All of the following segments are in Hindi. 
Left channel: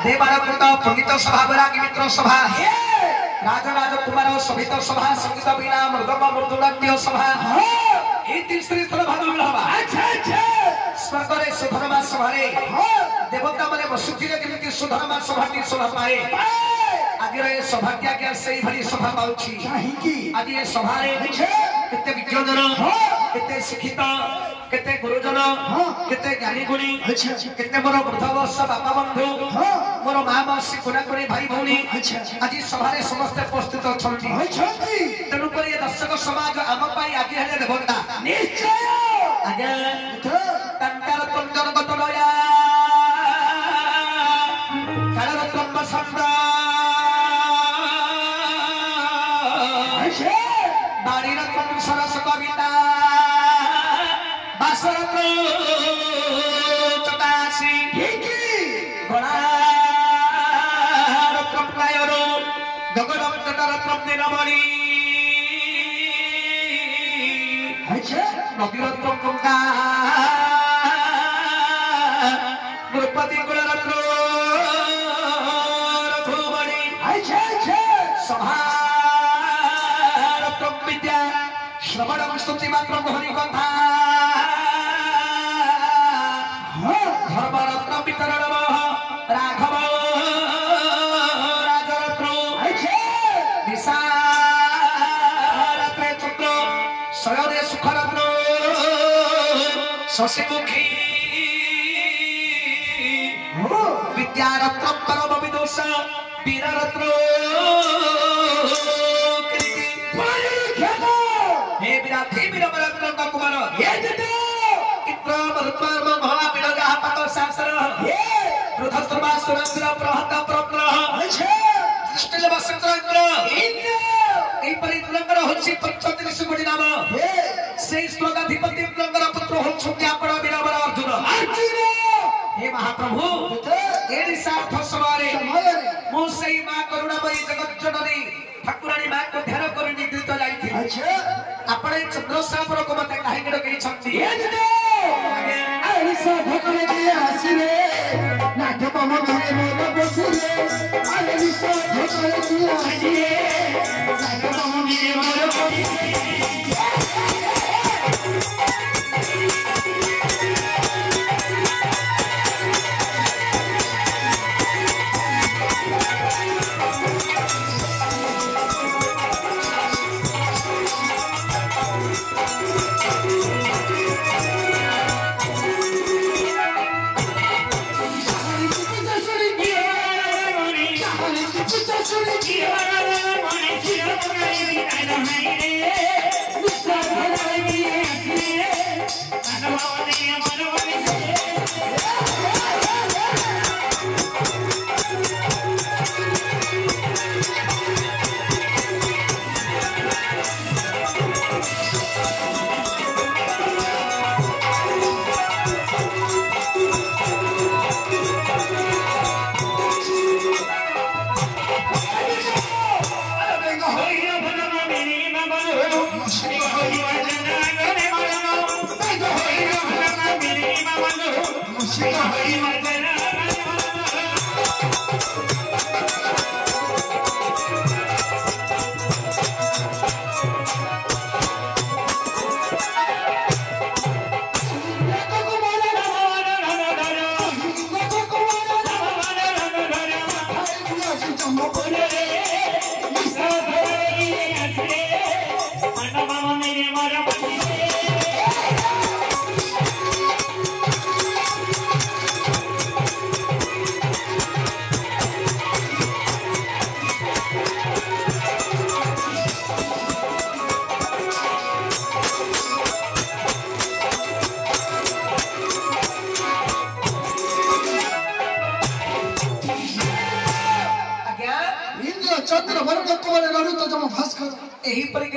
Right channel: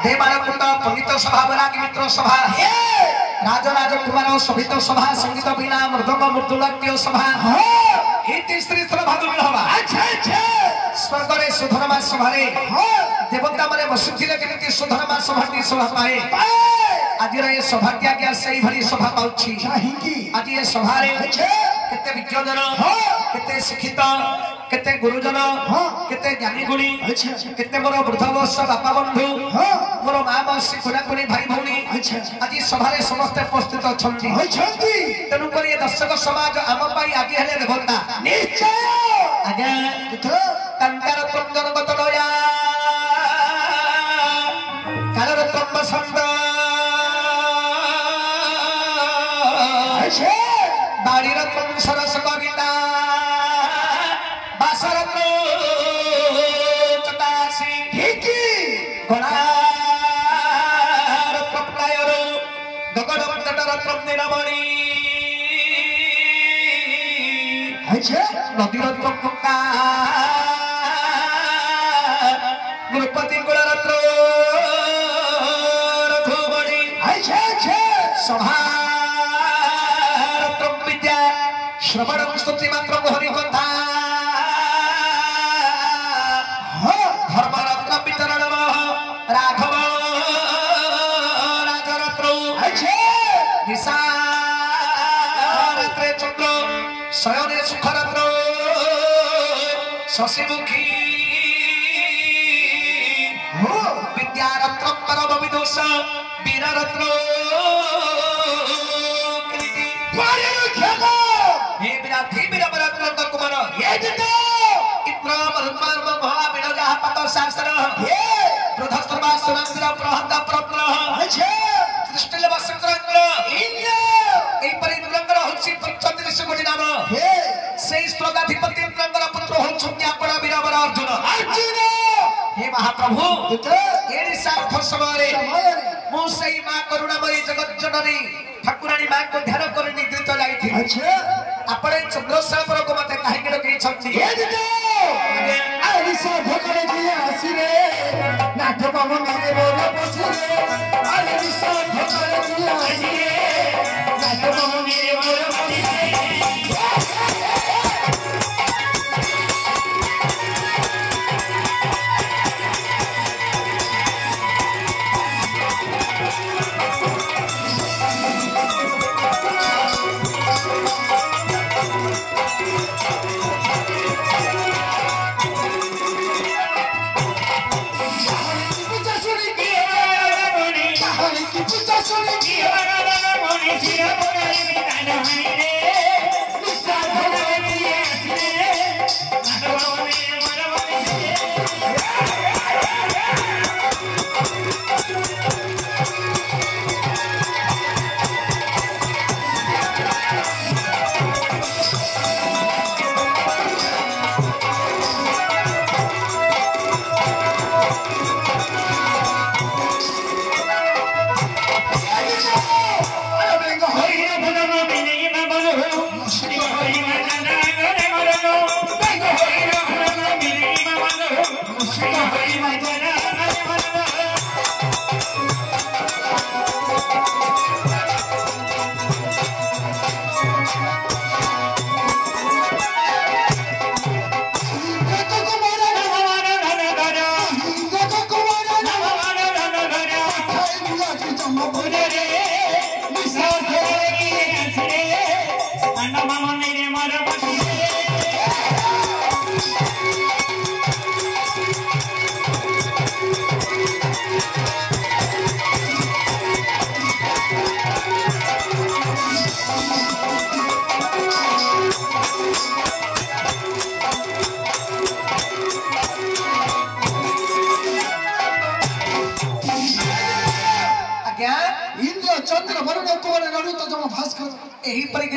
देवालकुंड पंडित सभा बरागी मित्र सभा राजराज कुमार सभित सभा संगीत वीणा मृदंग मृदुलाट्य सभा श्री भादुल हवा स्वर्ग रे सुधर्मा सभा देवता माने बसुथिले केमति सुधर्मा सभाटी सभा पाए आज रे सौभाग्य क्या सही भरी सभा पाउछि आज ये सभा रे केते विज्ञजन केते शिक्षित केते गुरुजन केते ज्ञानी गुणी केते मोर वृद्ध वर्ष बापा बंधु मोर माँ मौसी कुराकुरी भाई भौणी आज सभा रे समस्त उपस्थित अछंती तेणु कर दर्शक समाज आम पाई आगे हेले देवता निश्चय आज्ञा तंकार तंकर गत दया कालर ब्रह्म शब्द बाड़ीर तुम सरस कविता बासरत्न चकासी गणारत्न प्लायरो गगनम तटरत्न नीलमणि नदीरत्न गंगा नृपति कुलरत्न रघुमणि सभा श्रवण स्तुति मात्र मोहरी कथा धर्मरत्न वितरण राघव राजरत्न निशारत्रे चंद्र शयने सुखरत्न शशिमुखी विद्यारत्न परम विदुष वीररत्न कुमार शास्त्र महाप्रभु मुझे माँ करुणामयी जगत जननी ठाकुराणी माँ को ध्यान कर निद्रित जाइए अपने चंद्रशेखर को मत कहीं डकई छंती नाट्य मंदिर मोर बसिले अरे नाट्य मंदिर मोर बसिले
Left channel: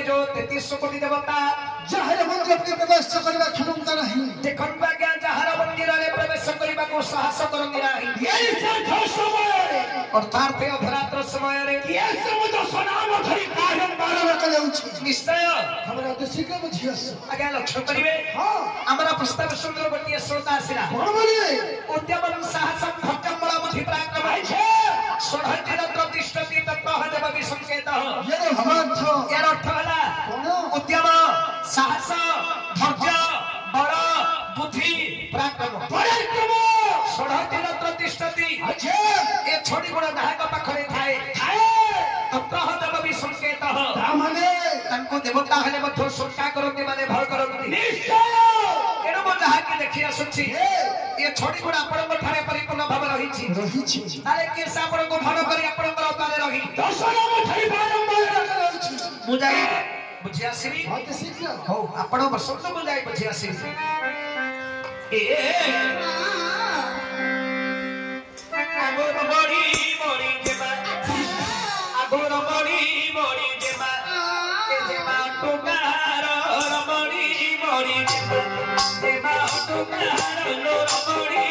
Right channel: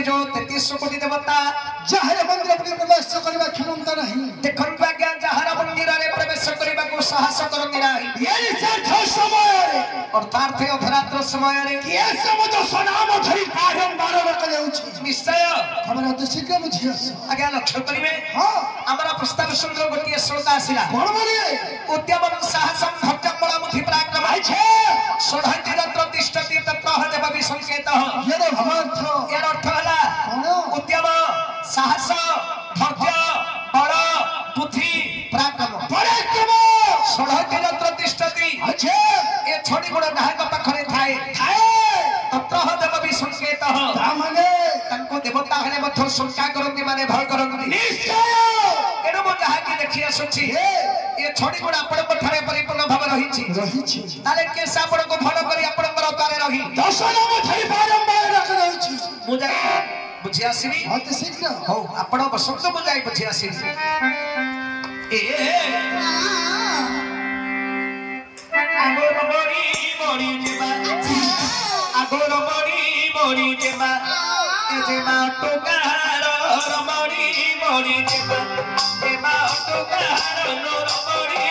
जो 33 कोटी देवता जहर मंदिर प्रवेश करबा क्षमता नहीं देखन भाग्य जहर मंदिर रे प्रवेश करबा को साहस करंदी नाही एई साथ समय रे अर्थात अधरात्र समय रे के समुद्र सनाम धरी पारन बारन कर जाउछि निश्चय हमरा तो शीघ्र बुझियस आगे लक्ष्य करिवे हां हमरा प्रस्ताव सुंदर गोटिए श्रोता आसिला कोन बोलिए उद्यमन साहसम भक्तम बला बुद्धि पराक्रम छै षोडशति तत्र तिष्ठति तत्र हजपति संकेतः यदि भवार्थ एर अर्थ होला उद्यम साहस धैर्य बल बुद्धि पराक्रम षोडशति तत्र तिष्ठति अच्छा ए छोटी गुण नायक पाखरे थाए तत्र हजपति संकेतः ब्राह्मणे तनको देवता हेले मध्य शंका करନ୍ତି माने भय करନ୍ତି निश्चय एनो mo ଯାହାକି ଦେଖି ଆସୁଛି ଏ ଛୋଟି ଗୁଣ ଆପଣଙ୍କ ଠାରେ ପରିପୂର୍ଣ୍ଣ ଭାବେ ରହିଛି ତାରେ କେସ ଆପଣଙ୍କୁ ଭଲ କରି ଆପଣଙ୍କର ଅତାରେ ରହି ଦଶରାମ ଠାଇ ବାରମ୍ବାର ରହିଛି ମୁଁ ଯାଇ ବୁଝି ଆସିବି ଅତି ଶୀଘ୍ର ହଉ ଆପଣ ବସନ୍ତୁ ମୁଁ ଯାଇ ବୁଝି ଆସିବି আগর মরি মরি যেমা আগর মরি যেমা এ যেমা টুকার মরি মরি যেমা যেমা টুকার মরি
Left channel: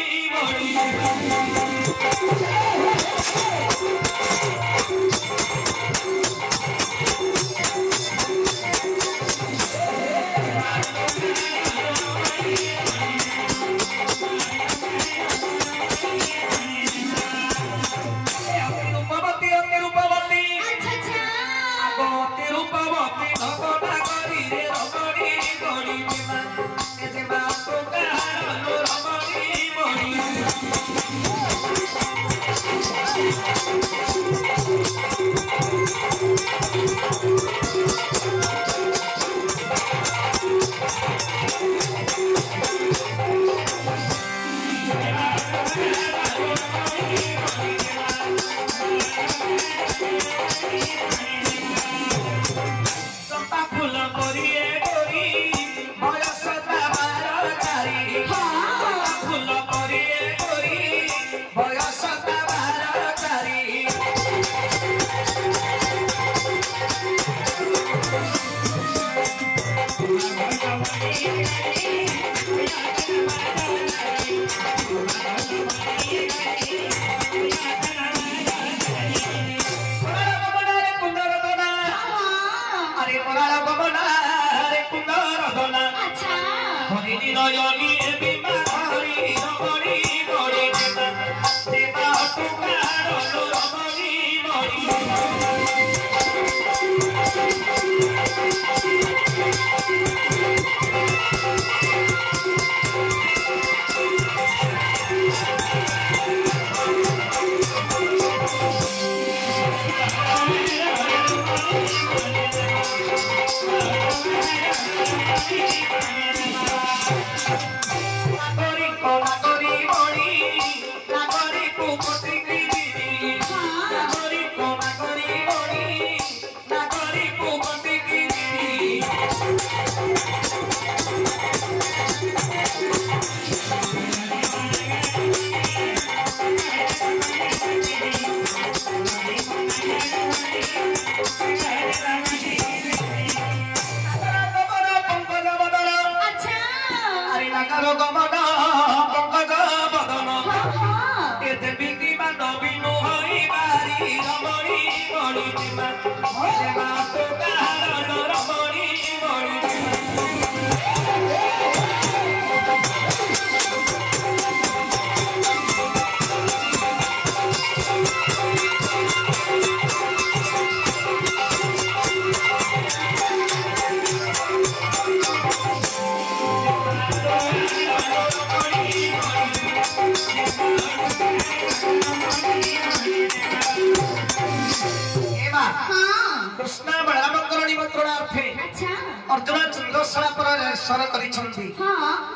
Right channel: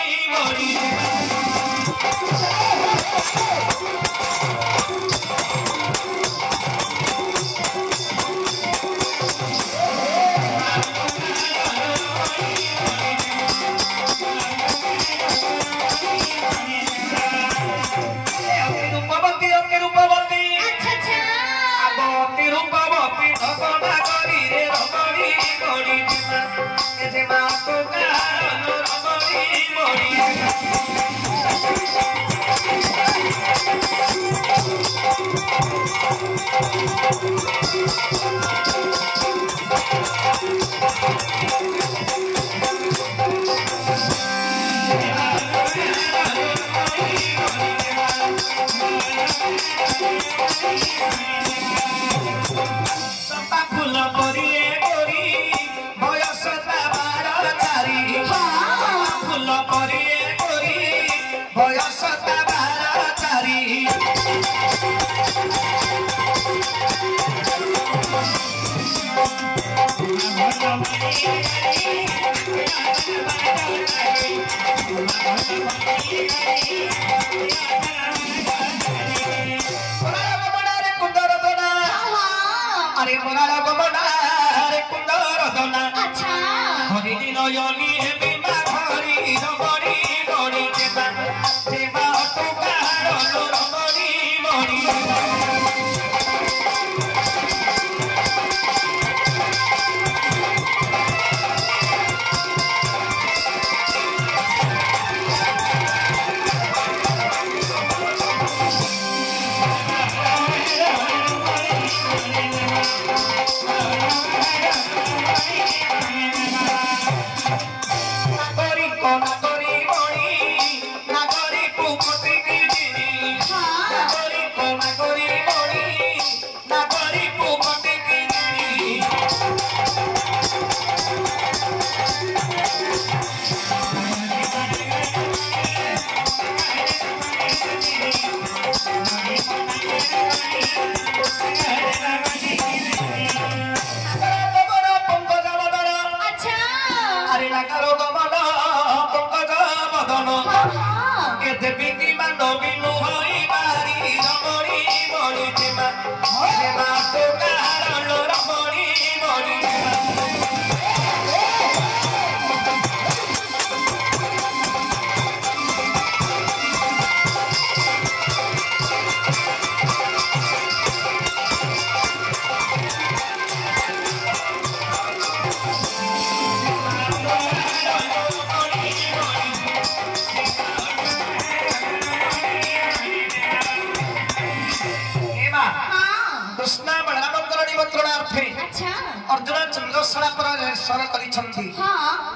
अर्जुन चंद्रशला पर स्वर करिसंती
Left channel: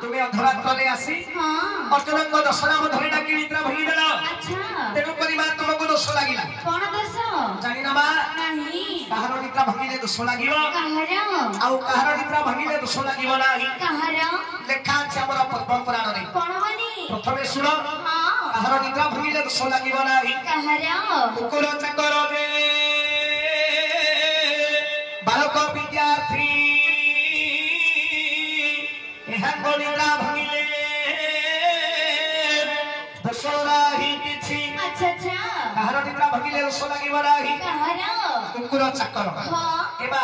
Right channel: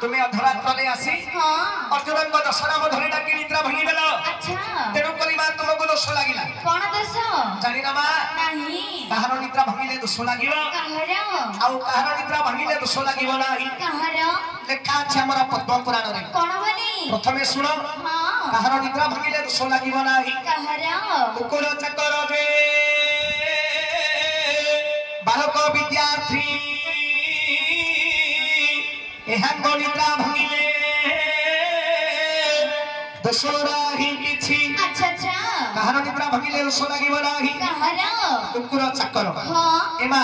तुमे अधरात्रे आसी अर्जुन को दशनाम धरि डाकी निद्रा भंगी देला तेनु करी मा तुमको दोष लागिला कोन दोष जानि ना मा नाही कहार निद्रा भंगीले दोष लागियो कहार आउ कहार निद्रा भंगीले दोष लागियो नाही कहार लेखा छै हमरा पद्म पुराण रे कोन बोली प्रथमे सुनो कहार निद्रा भंगीले दोष लागियो नाही कहार कुकुर चकर रे बालक विद्यार्थी एहन निद्रा भंगीले दोसरा ही किछि अच्छा अच्छा कहार निद्रा भंगीले दोष लागियो नाही कहार कुकुर चकर एमा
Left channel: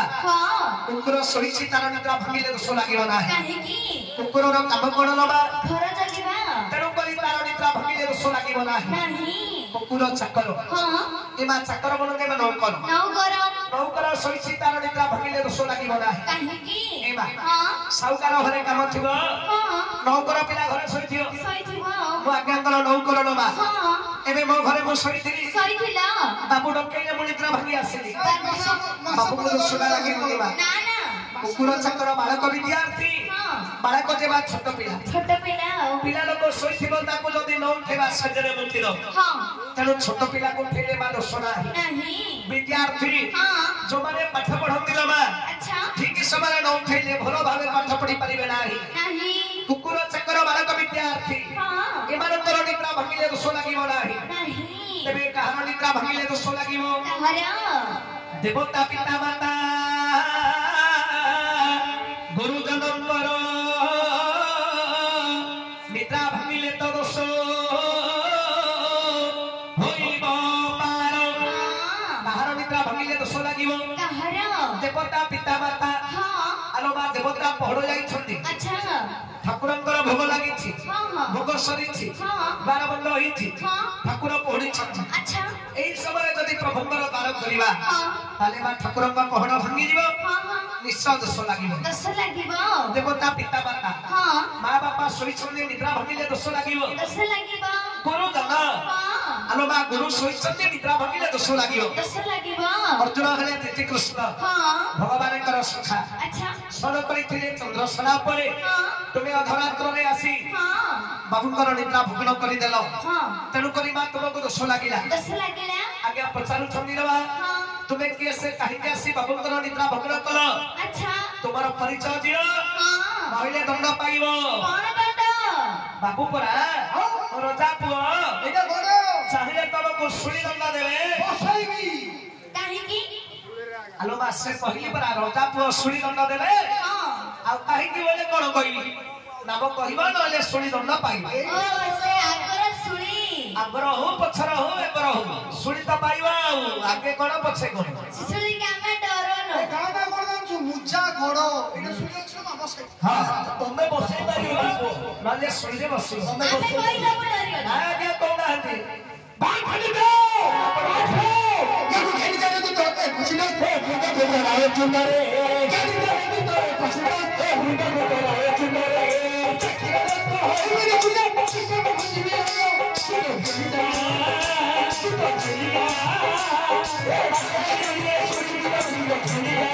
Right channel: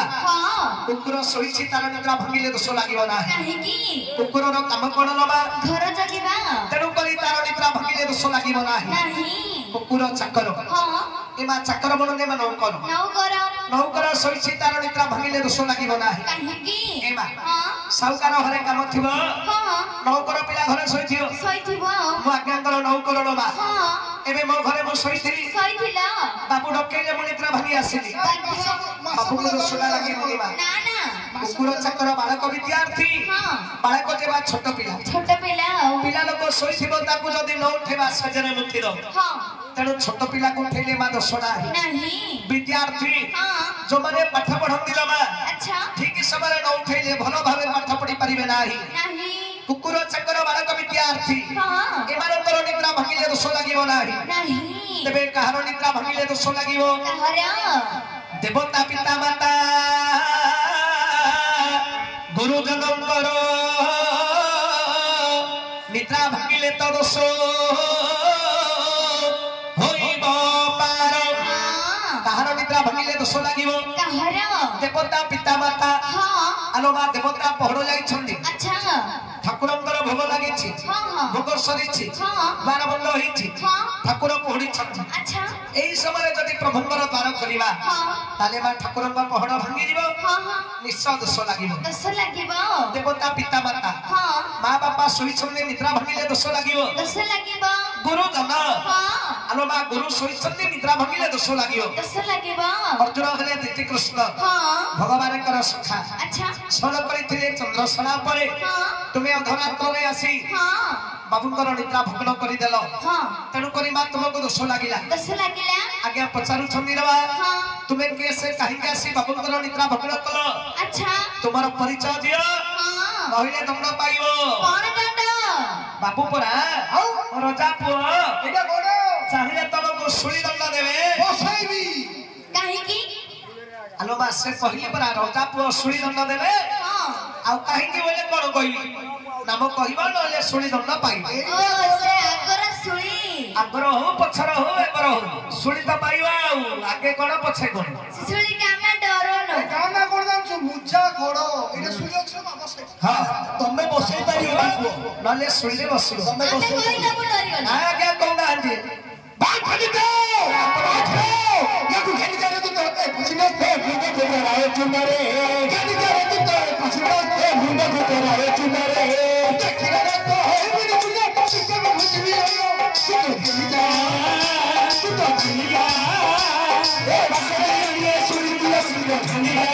कुकुर सोईछि तार निद्रा भंगीले दोष लागियो नाही काहे की कुकुर रो काम कोन लबा घर जगिबा तेनु करी तार निद्रा भंगिले दोष लागिबो नाही नहीं कुकुर चाकर हाँ एमा चाकर बनगे मा नौकर नौकर नौकर सोइछि तार निद्रा भंगिले दोष लागिबो नाही कहीं एमा हाँ साउकार घरे काम थिबो हाँ नौकर पिला घरे सोइथियो सोईथिबो मु आज्ञाकर नौकर नबा हाँ एबे मो घरे मु सोइथिली सोईथिला बाबू डकेले मु निद्रा भंगी आसिली बाबू को दोष लागि नलिबा ना ना कुकुर चाकर बालक विद्यार्थी हाँ बालक जेबा छोट पिला छोट पिला पिला लोक सोइथिबो ताकू जदी न उठेबा सजरे मुक्तिर हाँ तेणु छोट पिला को उठेले मा दोष नाही नहीं विद्यार्थी हाँ जो माने पाठ पढंती मा अच्छा ठीक समय न उठेले भलो भाबे पाठ पढी परिबे नाही नहीं कुकुर चक्कर बालक विद्यार्थी हाँ एमानकर निद्रा भंगिले दोष लागिबो नाही नहीं तेबे कहार निद्रा भंगिले दोष लागिबो कहरा देवता पिता माता गुरुजनंकर निद्रा भंगिले तो दोष होइब पार कहार निद्रा भंगिले दोष लागिबो कहरा देवता पिता माता हाँ आलोमा देवता पहड़ जाइछन्ती अच्छा ठाकुरंकर भोग लागिछि हाँ हाँ भोग सरिछि हाँ बार बंद होइछि हाँ ठाकुर पहड़िछन्ती अच्छा एई समय जदि प्रभुंकर द्वार करिबा हाँ ताले बा ठाकुरंकर पहड़ भांगी जिवो हाँ हाँ निश्चय दोष लागिबो दस लगिबो देवता पिता माता हाँ माँ बापा शोइछन्ते निद्रा भांगिले दोष लागिबो दस लगिबो गुरुजन हाँ आलोमा गुरु शोइछन्ते निद्रा भांगिले दोष लागिबो दस लगिबो अर्जुन हले तिति कृष्ण हाँ भगवानकर सखा अच्छा स्मरण करिथिले चंद्रसेना परे हाँ तुमे अधरात्रे आसी हाँ बाबूंकर निद्रा भग्न करिदेल हाँ तेणु करी मा तुमको दोष लागिला दस लगिला आज्ञा पचारु छन्दी रवा हाँ तुमे केसे काहिके आसी बाबूंकर निद्रा भग्न कल अच्छा तुमर परिचय दियो हाँ नहिले दंड पाइबो कौन दंड बाबू परा राजा पुओ এটা বড় चाहिले तुमको सुली दंड देबे বসাইবি कहीं की आलो मासे पहिले परा राजा पुओ सुली दंड देबे हाँ आ काहिके बोले कोन कहि नाम कहिबा नले सुली दंड पाइबे ओ से आगर सुई आगर हो पछर हो एबर हो सुली तो पाइबा आगे कोन पछे कोन सुई का मैं डरो नो গানা করে দাও মুজা গোড় এটা শুনেছ না বসাই हां तमे बसई पारियो नले सुली बसियो তুমি आते বসাই कोई ना बोलो आ के कोन आंदी বাট ফাটি দাও বাট ये घेन जा रे तो पुछले थे गुंडे को रहा चुंदरे घेन जा रे तो पुछले थे गुंडे को रहा चुंदरे चखिरा तो है मेरी चुंदे पछिके में भजबी तो दुनिया ए बसरिया सुनी दिया सुनी दुनिया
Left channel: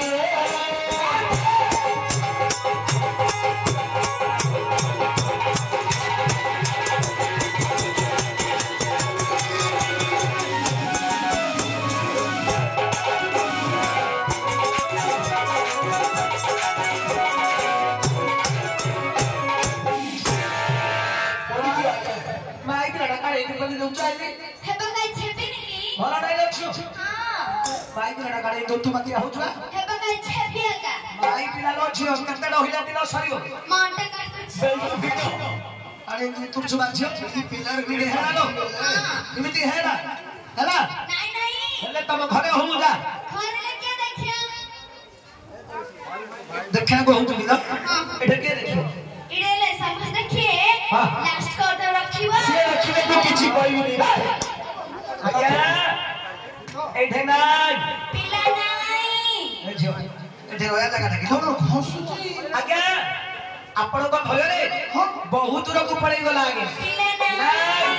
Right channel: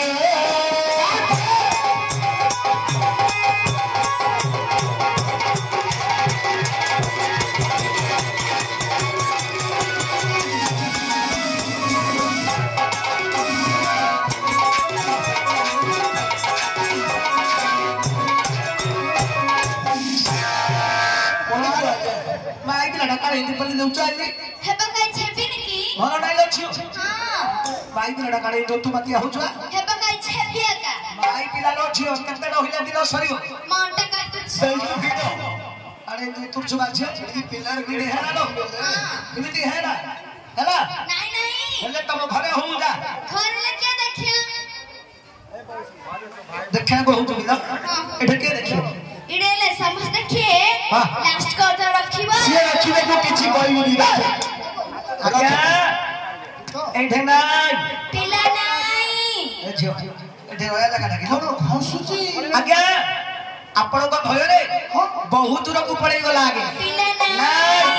माइक लड़ा का हिंदी पल्ली लुचाती है बकाई छेपी निकी भलो डायलॉग छु हाँ माइक लड़ा का हिंदी तू मती हो छुआ है बकाई छेपिया का माइक पिला लो छु केते रहिला दिन सरियो मांटा काट बेल्ट फिटो अरे तू तू छुआ छ ई पिलर भी हेरा लो एमिति हेरा हला नहीं नहीं हेले तम घरे हो जा घर ले क्या देखियो देखना बहुत बिला एठे के देखियो इडे ले समझ देखिए हाँ। लास्ट को तो रखिबो सिया रखिबे तू किछि कहबी नहीं आज्ञा एठे नाइ पिला नहीं ए झियो एठे रोया जगह डाकिलो कोन हंसुची आज्ञा आपण को भय रे बहुत दूर को पड़े गला आगे पिला नहीं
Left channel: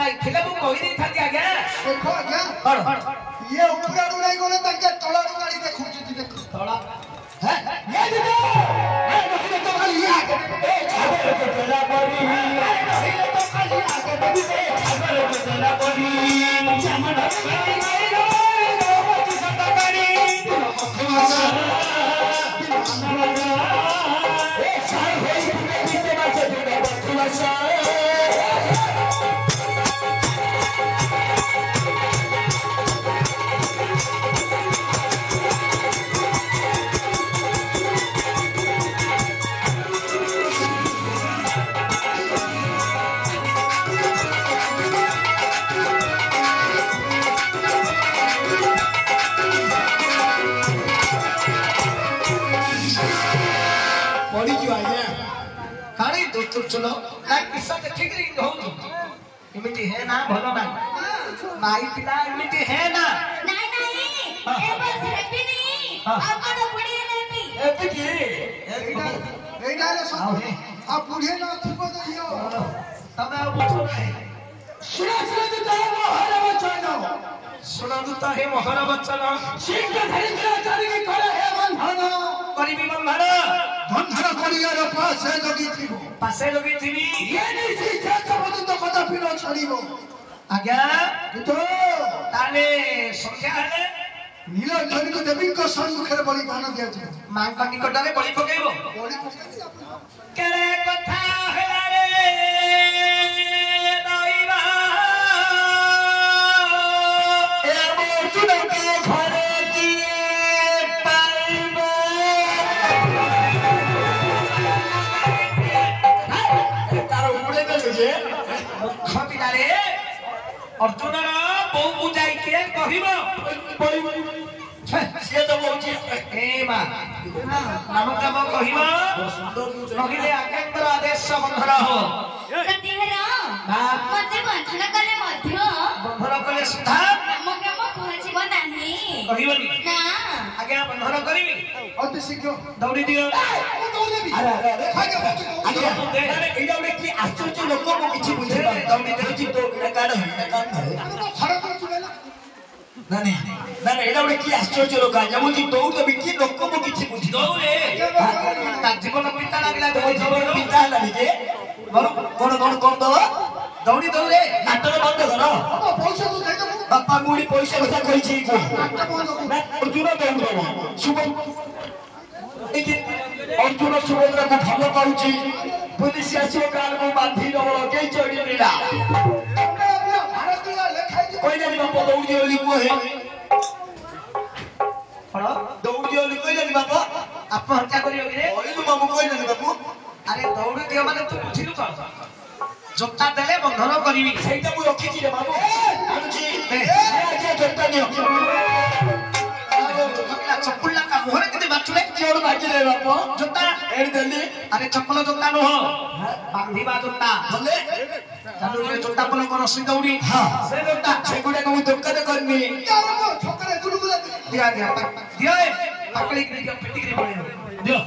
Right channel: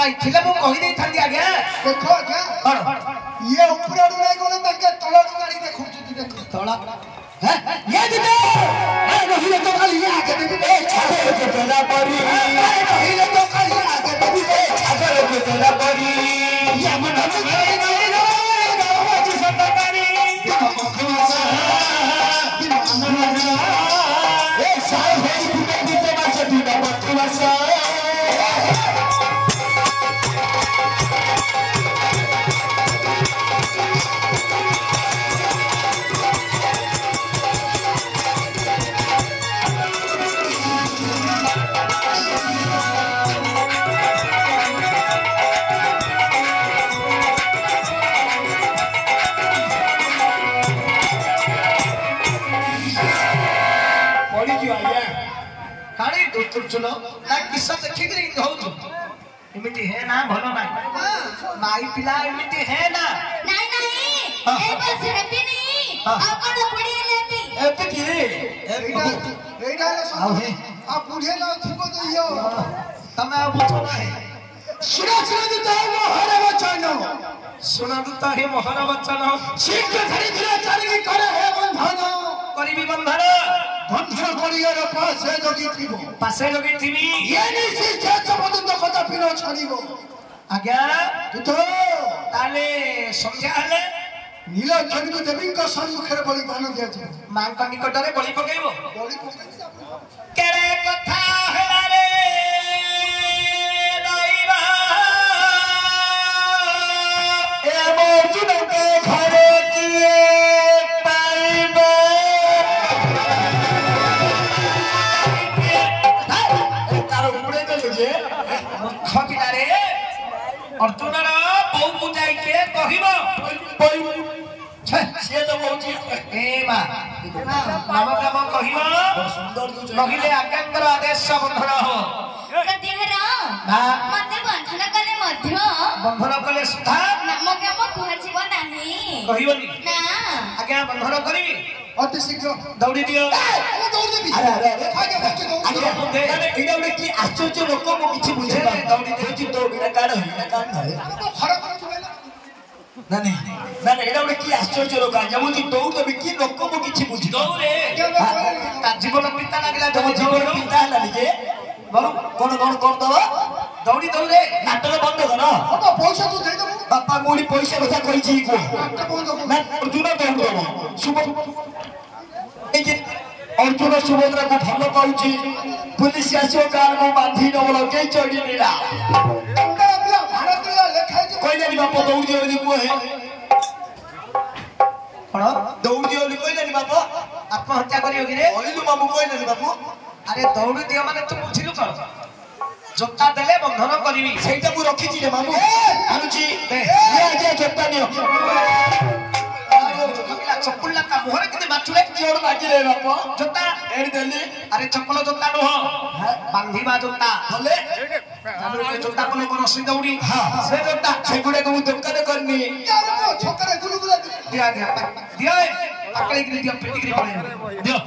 नहीं थिले मु कहि दे थांदी आज्ञा देखो आज्ञा कौन ये ऊपर आडू नहीं गले ताके तळाडू गाड़ी देखु छी देखो तोला हैं ये देखो ए नहीं तो खाली ये आके देखो ए छाबे के बेला पड़ी ए नहीं तो खाली आके देखो ए छाबे के बेला पड़ी ये मन नहीं नहीं गावा ची संतकारी दिनो मखमसा दिनो मनरा ए साई होई फुटे फुटे बासे दिनो मखमसा पड़ी जो आया कारे दोस्तों चलो ना किस्सा ନା ଭଲ ନାହିଁ ନାଇଁ ପିଲା ଏମିତି ହେ ନା ନାଇଁ ନାଇଁ ଏ ବସ ହେବି ନାହିଁ ଆଉ କଣ ପଡ଼ିଲେ ହେବି ଏତେ କି ଏଇଟା ହେଲେ ଆଉ ହେ ଆଉ ବୁଢେ ନ ଥିବ ତ ଇଏ ତମେ ଆଉ ବୁଝ ନାହିଁ ଶୁଣନ୍ତୁ ତ ମହର ବଚନ ଶୁଣନ୍ତୁ ତ ହେ ମହର ବଚନ ଶିକ୍ଷା ଧରିଥିଲା ଚାଲିକି କରେ ହେ ବନ୍ଧନ କରିବି ବନ୍ଧନ ବନ୍ଧନ କରିବାର ପାଶେ ଜଗିଥିବ ପାଶେ ଲଗେଇଥିବି ଇଏ ନିଶି ଶେଷ ପର୍ଯ୍ୟନ୍ତ କଦାପି ନ ଛାଡ଼ିବ ଆଜ୍ଞା ପୁତ ତାହେଲେ ସନ୍ଧ୍ୟା ହେଲେ ନୀଳକଣ୍ଠୀ ଦେବୀଙ୍କ ସମ୍ମୁଖରେ ବଳିଦାନ ଦିଆଯିବ ମାଙ୍କ ନିକଟରେ ବଳି ପକେଇବ ବଳି କେଡ଼େ କଥା ହେଲାରେ ଦଇବା ଏ ଆମ ଅର୍ଜୁନଙ୍କ ଘରେ କିଏ ପାଇବ ତାର ଉଡ଼େଇ ଦେଲେ ଯେ ମୁଖ ପିଲାରେ ଅର୍ଜୁନର ବୋଉକୁ ଯାଇ କିଏ କହିବ ସିଏ ତ କହୁଛି ଏ ମା ନାମ କାମ କହିବ କହିଲେ ଆଜ୍ଞାଙ୍କର ଆଦେଶ ବନ୍ଧନ ହବ ପ୍ରତିହାର ମତେ ବନ୍ଧନ କଲେ ମଧ୍ୟ ବନ୍ଧନ କଲେ ସୁଦ୍ଧା ନାମ କାମ କୁହାଯିବ ନାହିଁ କହିବନି ନା ଆଜ୍ଞା ବନ୍ଧନ କରିବି ଅତି ଶୀଘ୍ର ଦୌଡ଼ି ଦିଅ ମୁଁ ଦୌଡ଼ିଦେବି ଆରେ ଆରେ ଆରେ ଭାଗ୍ୟ ଭାଗ୍ୟ ଦୌଡ଼ି ଆଜ୍ଞା ଏଇଟା ଗୋଟେ କି ଆଶ୍ଚର୍ଯ୍ୟ ଲୋକ ମୁଁ କିଛି ବୁଝିପାରୁନି ଦୌଡ଼ି ଦେଉଛି ଦୌଡ଼ିଟା କାଣ ହେଇଟା କାଣ ଧରେ ଖରାପ କରୁଛୁ କହିଲା ନା ନାଇଁ ନା ଏଇଟା ଗୋଟେ କି ଆଶ୍ଚର୍ଯ୍ୟ ଲୋକ ଆଜ୍ଞା ମୁଁ ଦୌଡ଼ି ଦେବି କି ଲୋକ ମୁଁ କିଛି ବୁଝି ଦୌଡ଼େ ତା ଜୀବନ ପିତା ଲାଗିଲା ତମ ତମ ଜୀବନ ଜୀବନ ପିତା ହେଲାନି ଯେ କଣ କରିଦବ ଦୌଡ଼ି ଦୌଡ଼େ ନାଟକ ବନ୍ଦ କର ବାପା ପଇସା ତୁ ଦେଇଦେବୁ ବାପା ମୁଢ଼ି ପଇସା କଥା କହିଛି କୁହ ନାଟକ ବନ୍ଦ କର ନା ଅର୍ଜୁନ ଦୌଡ଼ି ଦେବ ଅର୍ଜୁନ ସୁଭଦ୍ରାକୁ ଭଲ ପାଉଛି ପୁଲିସ ଆସିବ କାହାର ମୁଁ ବାନ୍ଧି ଦବ ଲଗେଇଛ ଏଠି ନିରା ମୁଣ୍ଡରେ ଦିଅ ଭାର ଦିଅ ଲେଖା ହେଇଛି କହିଲାନି ବାପ ଦୌଡ଼ି ଦିଅ ବୋଲି କୁହ କଣ ଦୌଡ଼ି ଦିଅ ବୋଲି କହିଲାନି ବାପ ଆତ୍ମହତ୍ୟା କରିବ କି ରେ କହିଲୁ ବାବୁ କହିଲାନି ବାପୁ ଆରେ ଦୌଡ଼ି ଦିଅ ମାନେ ତୁ ବୁଝିଲୁ କଣ ଜୋତା ଦେଲେ ବନ୍ଧନ କରିବି ସେଇଟା ମୁଁ ରଖିଛି ରେ ବାବୁ ଆଣୁଛି ଜୋତା ନିଅ ଚକୁଲା ମୁହଁରେ କେତେ ବାଛୁରେ କିଏ ମାଗିଲେ ବାପ ଜୋତା ଏଠି ଦେଲି ଆରେ ଚପଲ ଜୋତା ନୁହଁ ବାନ୍ଧିବା ଜୋତା ବୋଲେ ଜୋତା ବୋଲେ କଣ ସୁଇ ଦୌଡ଼ି ସେ ଜୋତା ସେଗୁଡାକ ମୁଁ ଦୋକାନ କରିନି ଛକରେ ଗୁଲୁଗୁଲା ଦିଅ ଦିଅ ଦିଅ ପାକଳିକିରି ଦିଅ ପିଟିକିରି ପଳେଇବ ଦିଅ